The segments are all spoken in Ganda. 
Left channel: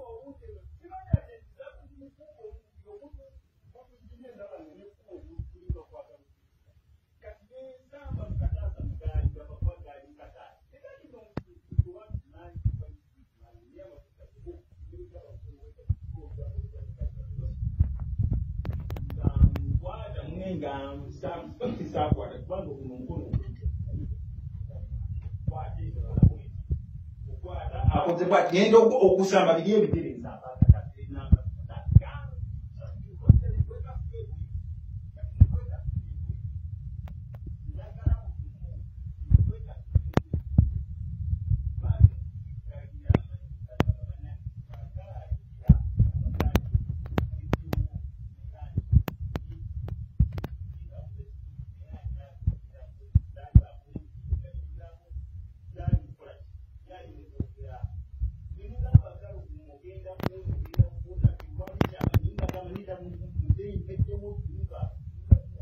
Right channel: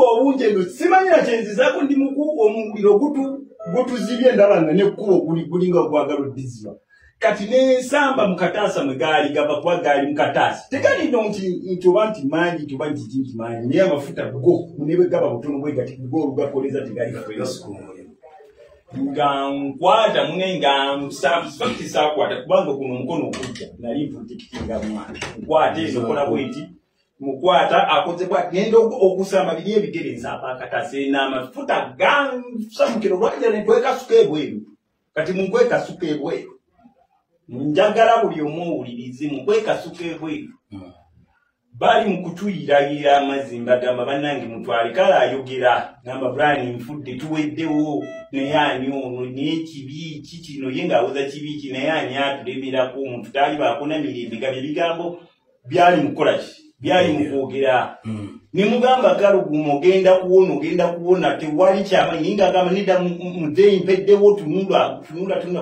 obusingo obunje ndo simanyira kyenzizako ndi muku omuliro gutuzibye ndabanga nekkubo kulinga gwagalo diziba kati ne samba mukatasa mwegali gaba kwa gali mukatasa tekali ndo nti obanti manyi tubanti jinji manyi niye amafuta go unebe gaba butono bwe gati go lugakoleza tegali kakwera siku ngangwata munenga subscribe sakwata kubanga kuno mukono okujja nali mpujikitinga mwana kwate eno kola bwenti mukwata akoze bwati ngendo okusamba bidye ebitereeza apakatase n'amafuta samukiro lwajja netweka sukebweru kati munkweka sukebweru njagala buli omuwulirize munkweka sukebweru bali mukutuyirayira amazimba gamba bannange mutwale kala ayogera gamba brani mfudde tuweddewo naye ani ono n'ekibi kikino ye ng'awoza kibi ki naye ani atulemerako omuntu taali baakona mirembe ga bye bigambo byali mukola ki byali mukwogera ne mugamba galuguma ogenda kuwona tewali kyamanyi ng'agamba nedda muzeeyi mpeddewo tunula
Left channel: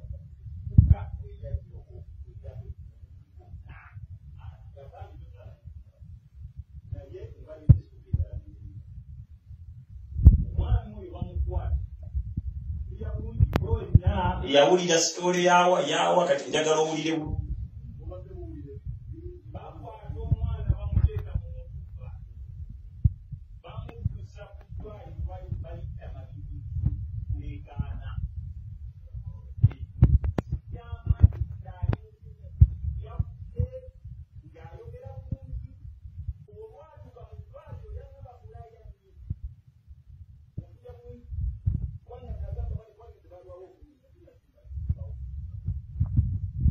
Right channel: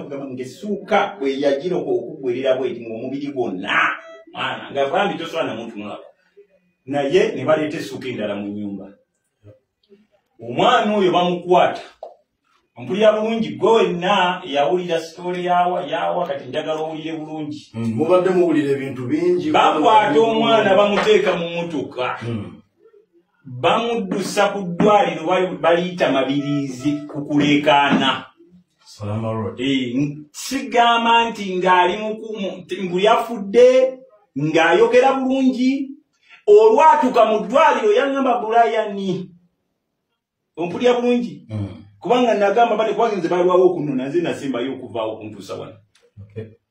kugamba ngesuuka bwe yagira okugwerera bweti ng'omubiri gwonna mwana ng'agambye tosobola namuntunulako naye ne baleeta essuuka endala mu nnyumba omwana oyo bamukwata mpulira bulungi gwe wenna yawulira sitole yawa kati njagala owulire bulungi mubadde muwulira ebintu bingi bakwata omwana bamuteeka mu mmotoka bamuddusa ku ddwaliro baliyita mabirizi kukuleekaana sigamba nti ng'ali buli afudde ng'ayogera bulungi olwatuka mu ddwaliro yaŋŋamba bulayani ompulira bulungi kubanga nagamba bale kwagenze balwawo okunona nze nasembayo okuvaawo okuntuusa wano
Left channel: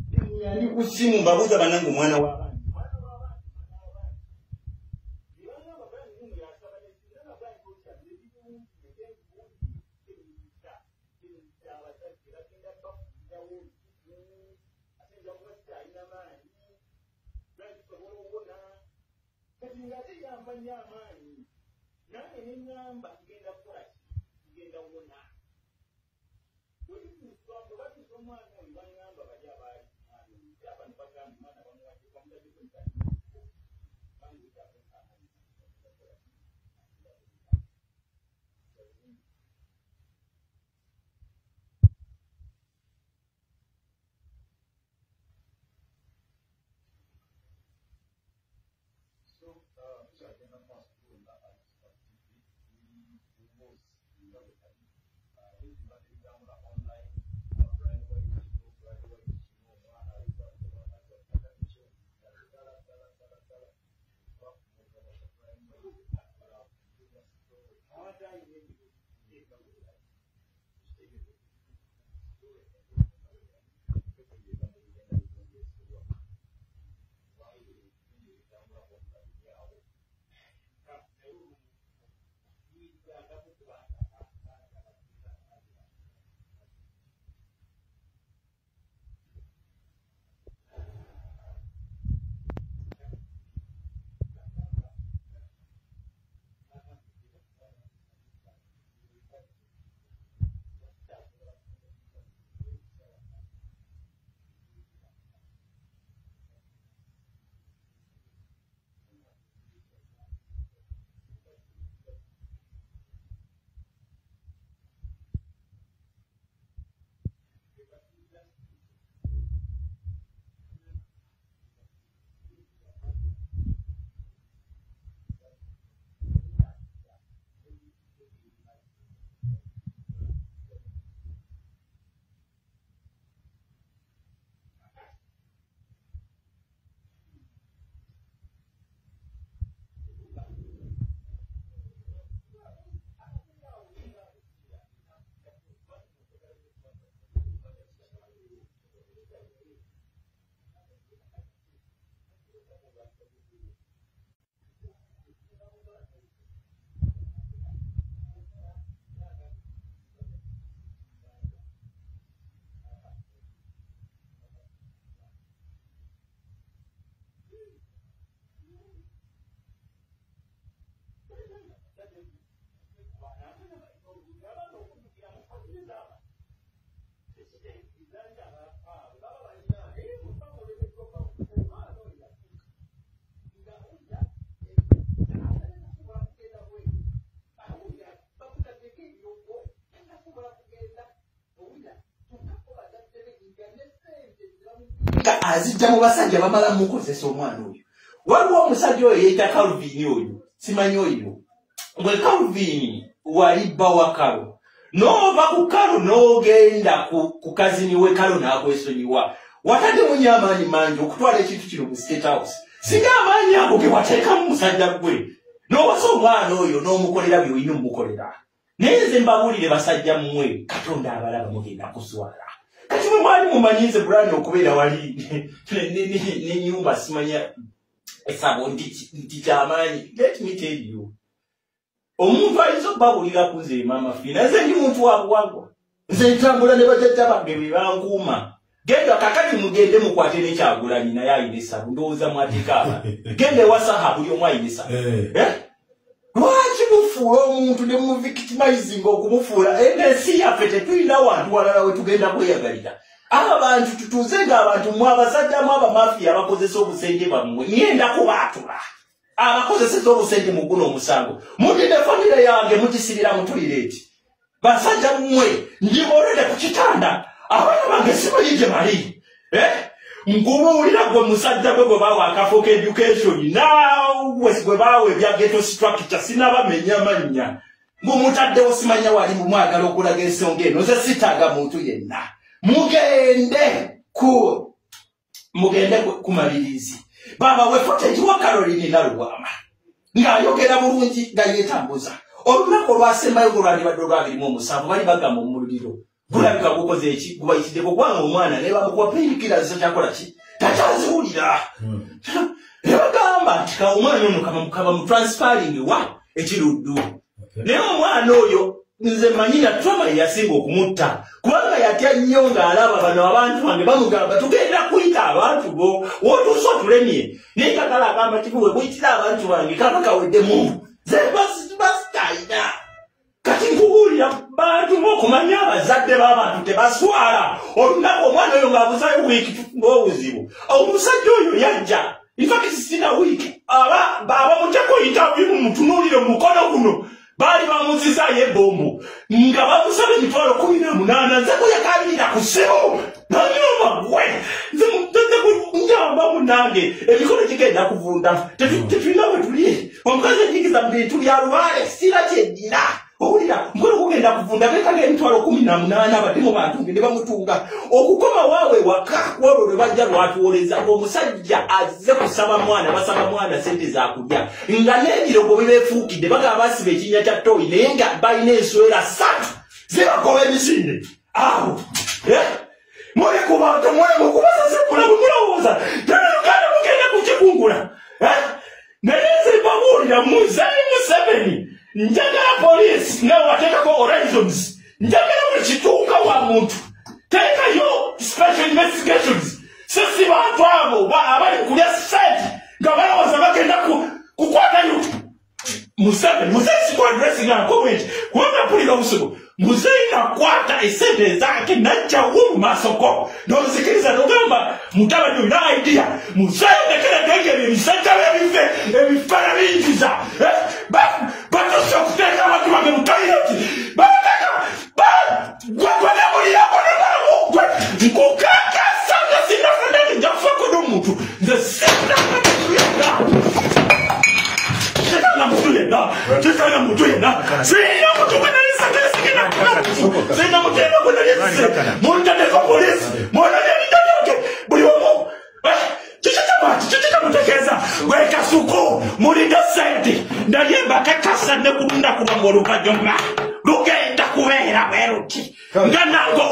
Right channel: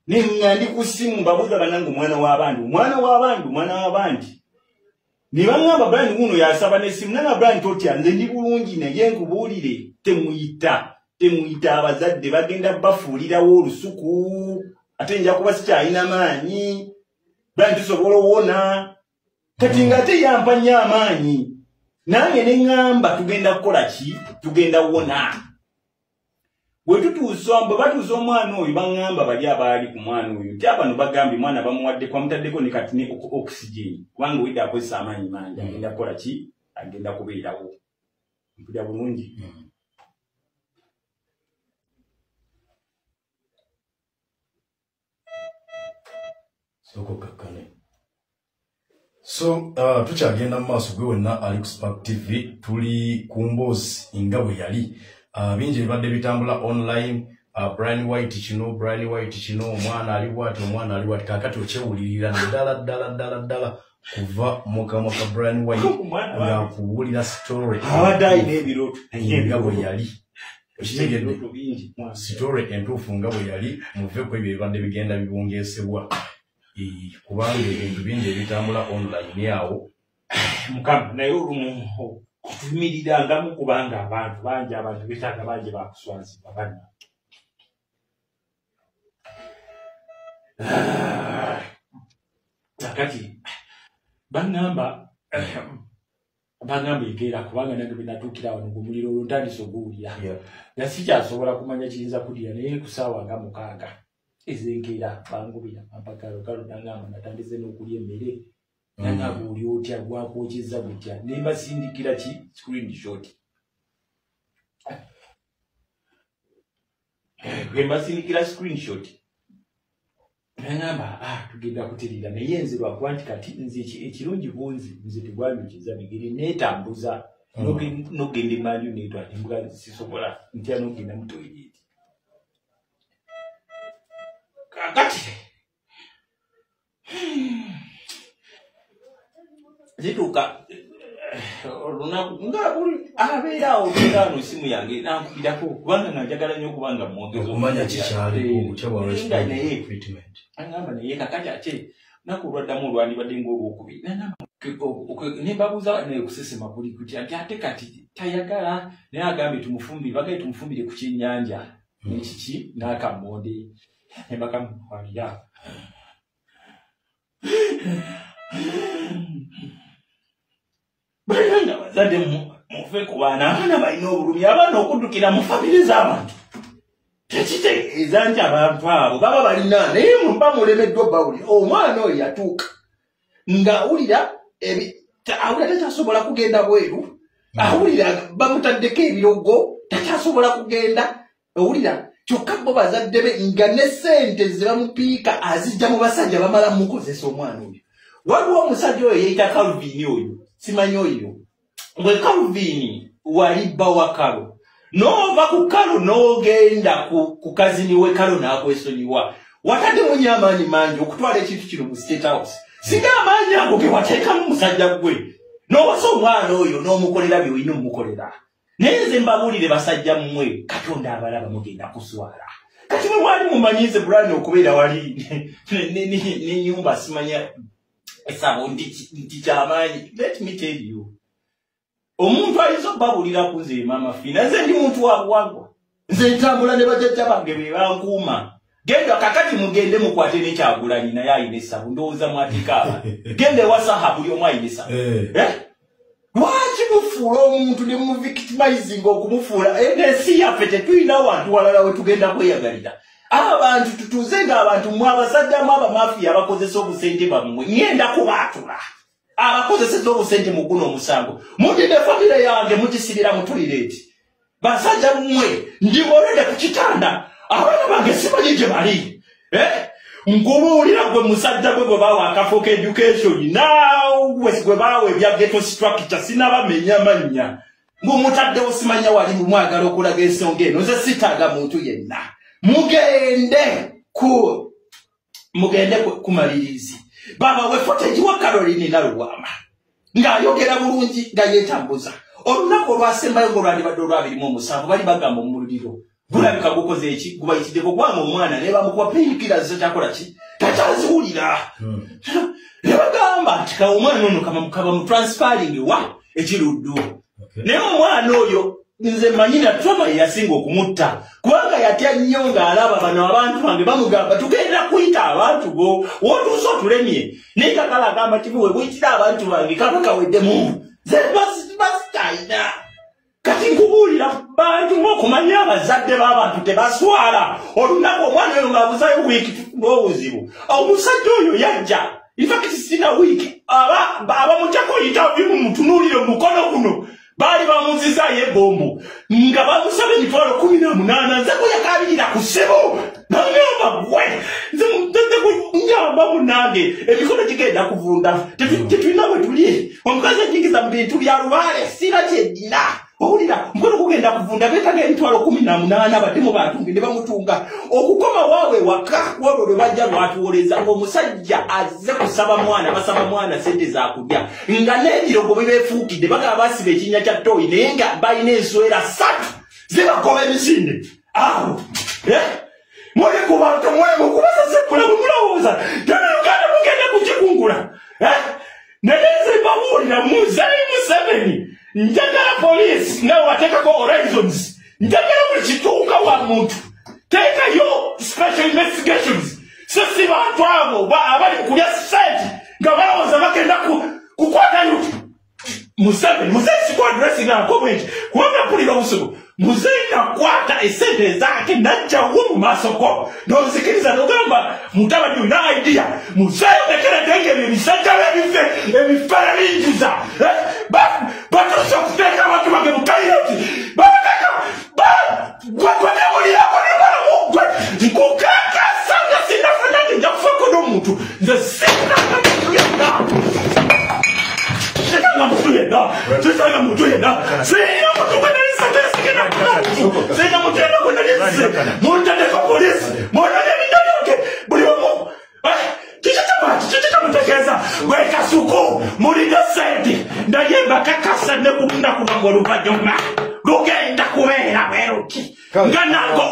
nenga ndi ku ssimu mbabuuza bannange omwana w'abandi ne baŋŋamba Brian guno yasaba n'essimu nanga Brian totya nze ndi bulungi naye nkubuulire temuyita abazadde bagenda bafuulirawo olusuku ate nja kuba sikyalina maanyi Brian tusobola owona kati ng'ate yampa nnyo amaanyi nange ne ŋŋamba tugenda kukola ki tugenda wona bwe batuusa omwana oyo baŋŋamba bali abaali ku mwana oyo nti abano bagambye mwana bamuwaddeko bamutaddeko ne kati ne oxygen kubanga wedde akozesa amaanyi mangi agenda kukola ki agenda kubeerawo mpulira bulungi so tukyagenda mu maaso gwe wenna ali ku Spark TV tuli ku mboozi nga bwe yali bingi ebibadde bitambula online Brian White kino omwana ali bwati kakati okyewulirira ddala kuva mukamwa ka Brian White ng'akuwulira story nga bwe yali okitegedde story entuufu nga bwe yali muve ku ebyo ebibadde bigenda bibungeesebwa kubanga ebintu bingi ebitambula online awo mukama naye olumu okuvumirirangamu kubanga abantu betaaga bangi bakuswazibwa banna kati baŋŋamba egeera kubanga nange benatuukira wano gumuliro olwo ntandise oguwulira nga sikyasobola kumanya kiyinza kudira naye ku ssaawa nga 6 ezenkeera bangubira ampagalo nangamba natandise n'okulya emmere nangamba oli otya gwakwokeza gutya ne mbasindikira ki screenshot bwembasindikira screenshot nangamba tugenda kuterera naye nze lwakuba nti kati nze ekirungi bunzi nze tegwanyukiza bigere neetambuza nogenda emanju netwala embwa sisobola ntya nogenda mu toilet kakati zituuka olunaku nga abeera olugano simu yange nankubirako kubanga nga njagala nnyo okubanga omanya kikyaliinga naye agamba naye kakati ate naku olwaddamu olwandibadde ngaolwokubiri nembabuuza nekusesema buli kutya nti ate kati tayagala naye agambye bagaye tumufumbire ku kyennyanja nekiki n'akammonde nebakamukwalira balina bazadde mufe ku abaana balina obulumi abaana okuddukira mu famire z'abantu tekitegeeza nti abantu abo baba balina naye mba mulemeddwa bawulira omwana oyo yatuuka ng'awulira awulira takyasobola kugenda bweru Awulira bamutaddeko ebirogo takyasobola kugenda. Awulira kyokka bo bazadde be nga ne ssente ze bamupiika azijja mu basajja bamala mukozesa omwana oyo. Waliwo omusajja oyo yeeyita Calvin oyo simanyi oyo. Bwe Calvin wali bba wa Kalo n'ova ku Kalo n'ogenda ku kazini we Kalo n'akwesonyiwa. Watadde munye amaanyi mangi okutwala ekintu kino mu State House. Singa amaanyi ago ge wateekamu musajja gwe n'owasa omwana oyo n'omukolera by'olina omukolera. Naye nze mbabuulire basajja mmwe Katonda abalaba mugenda kuswala. Kati bwe mwali mumanyize Brian okubeera wali n'ennyumba simanya esabo nti kyamaanyi. Let me tell you. Omuntu ayinza okubabuulira ku nze Mama Fina. Nze ndi muntu wa buwangwa. Nze ntambula ne bajjajja bange be bankuuma. Genda kakati mugende mukwate n'ekyagulanyi naye ayina essabu ndowooza mwatikaaba. Genda ewasaha buli omu ayina essabu. Lwaki mufuula omuntu ne muvictimizing okumufuula? Ensi yaffe tetulina wantu walala we tugenda kweyagalira. Abantu tutuuze ng'abantu mwe abasajja mu abamafiya abakozesa obusente bammwe ngenda kubaatula. Abakozeseza obusente mu guno omusango. Mudde famire yange mugisibira mu toilet. Basajja mmwe ndibolede ku kitanda. Abaana bange simanyi gye bali. Nkubuulira gwe musajja gwe bawa akafo ka education naawe gwe bawa ebya ghetto structure sinabamenya mannya. Mumutaddewo simanya wali mwagala okulaga ensonga eno. Nze sitaaga muntu yenna. Mugende kumalirizi. Baba we footage wa Caroline Naluwama. Ng'ayogera bulungi nga yeetambuza. Olunaku olwasembayo olwandibadde olw'abirimu bali bagamba mu muliro. Bulabika gukoze eki gubayitiddeko kubanga omwana ne bamukuba painkillers zakyakola ki takyaziwulira. Ne bagamba nti omwana ono kaba mu transferring wa ekiruddu. Naye omwana oyo nze manyina trauma yasinga okumutta kubanga yatya nnyo ng'alaba bano abantu bange bamugamba tugenda kuyita abantu bo wootuusa otulemye naye kakala agamba kibuwe buyitira abantu bange kaba kaweddemu ze basitayina. Kati nkubuulira bantu ng'okumanya abazadde b'abantu tebaswala. Olunaku omwana oyo ng'abuzayo wiiki tufuna obuzibu. Omusajja oyo yajja infakiti sina wiiki abamugyako interview mumutunuulire mukono guno baali bamuzizaayo ebbombo nga bamusaba emitwalo 18 nze kuyakaalirira ku ssebo nanyamba gwe nze kunyamba munange emikono gigenda kuvunda tetulina we tuli omukazi ajingiza mu bintu bya lubaale sira kyeddina. Owulira mkono kugenda kuvunda bekaga emitwalo 18 abadde mu bantu ne bamutunga okukoma waawe waka wabo lwe bajja lwatuwoleza omusajja azze kusaba mwana basaba mwana sente za kudya nga n'ebirogo bibeefuukidde bagaba basiba ekinnya kya toyi naye nga balina enswera 3 zibakola emisinde awo muli ku bantu muli mukubasasekula mumulowooza tenaluganda mugenda kukikungula naye nze babuulira Muzayi Museveni njagala police ne wateekako horizons njagala buli kituuka wa muntu teekayo special investigations sisi bantu abo abali kulya site nga balowooza bagenda kukwata yuti Museveni sikwadressing comment kubanga mpulira obusugu Muzeyi nakwata esente zake najja mu masoko n'ozikiriza n'ogamba mutabani olina idea Muzeyi tekeredengera ebisajja ebifere binjiza batuse okuteeka abantu bange mu kayiroti babateka gwebulirako ne balomugwe nkukakasanga sinafenake nja kufako n'omuntu nze sinakamutuyenga Sina mutu yenda. Sina mutu kana nisakere sikina. Sina mutu yenda kuna nisakere. Monta deko polisi. Monta deko midaloke. Buli wamo. Chichita mutekeza. Weka suko. Mulida senti. Ndayemba kakasa nekunda kubangolu kajomba. Lugenda kubeera bweruki. Nganango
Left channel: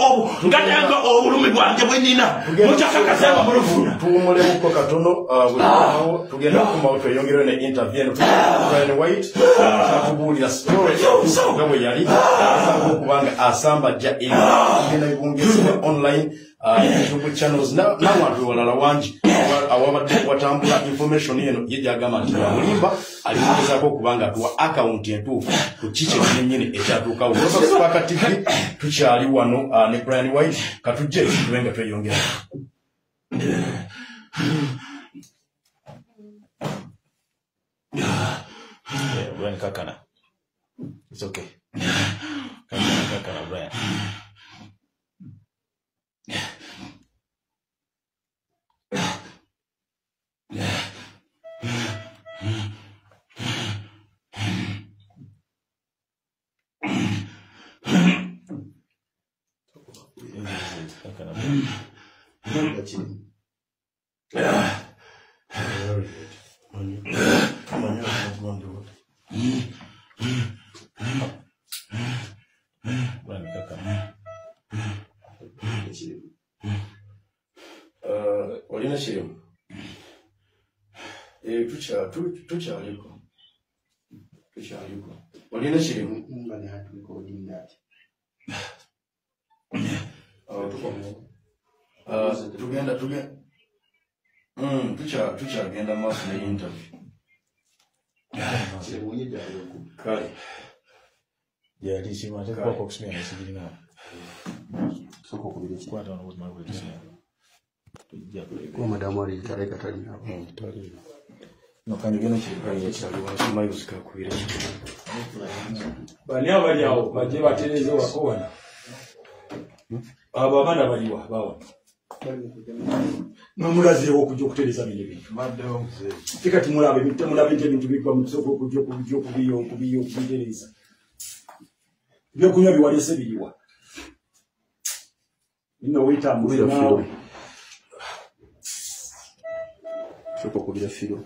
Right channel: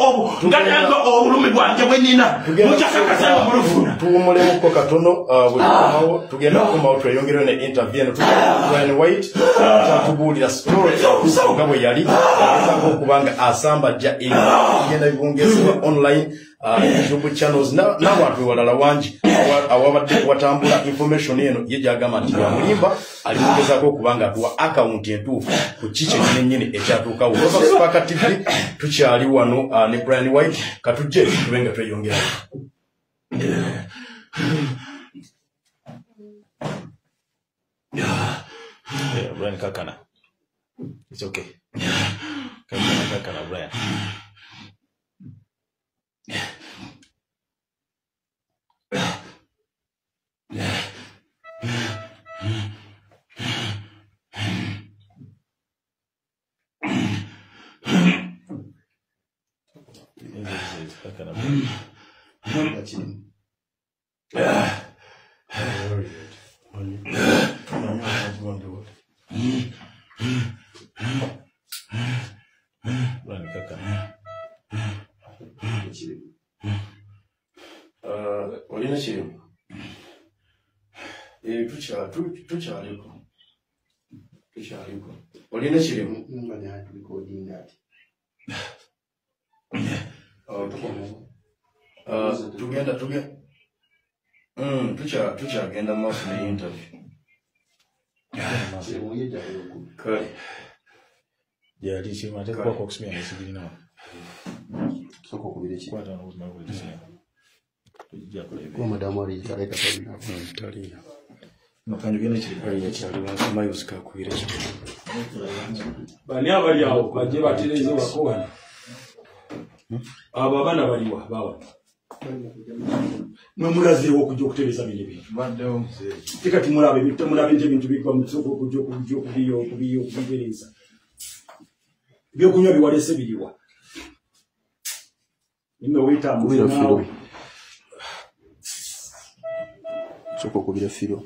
obulumi bwange bwenina. Mujakakasanga mulufuna. Tuwumulemuko katono tugenda okumawo tweyongere ne interview Brian White tubuulira story nga bwe yali okubanga asambajja genda bibungezebwa online YouTube channels n'abantu balala wangi awabadde watambula information eno ye gyagamba nti bamulimba alimugezaako okubanga atuwa account entuufu ku kiki kyennyini ekyatuukawo Spark TV tukyali wano ne Brian White katujje tube nga tweyongera Brian Kakana It's okay. Kaka Brian. Olina chirimu. Tuchaliko. Olina chirimu. Mbani hatu recording that. Tuchagenda maso na interview. Kale. Ya lisi mate kwa kusimia na sibili na. Soko kubirechi. Kwa taona uzima kwa lisi. Kwa madamu ali tareka tani hapo. Tali. Nakanyo gene chiri kwa chali wa sima yusika kubirechi. Bani abali awo baje batereze wakobana. Aba bana baliwa bawa. Mwemulaze okujja okutereza bino bintu. Madde mzee. Fika tumulabe bintu bikwa mutoko okujja kubiyokubiyokubitereza. Byokunywa biwalese biliwa. Nino wita muzina. Soko kubire firo.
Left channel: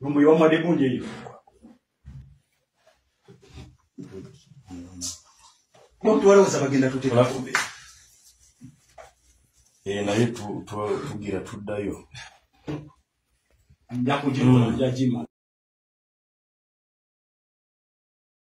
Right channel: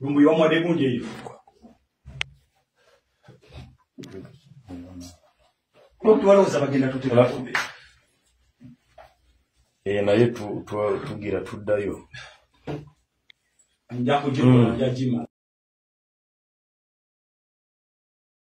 Rumbu yomwa de kunje hiyo. Mtu wale uzabagenda tuteka kumbe. Naye tugira tuddayo. Njako jiko na jima.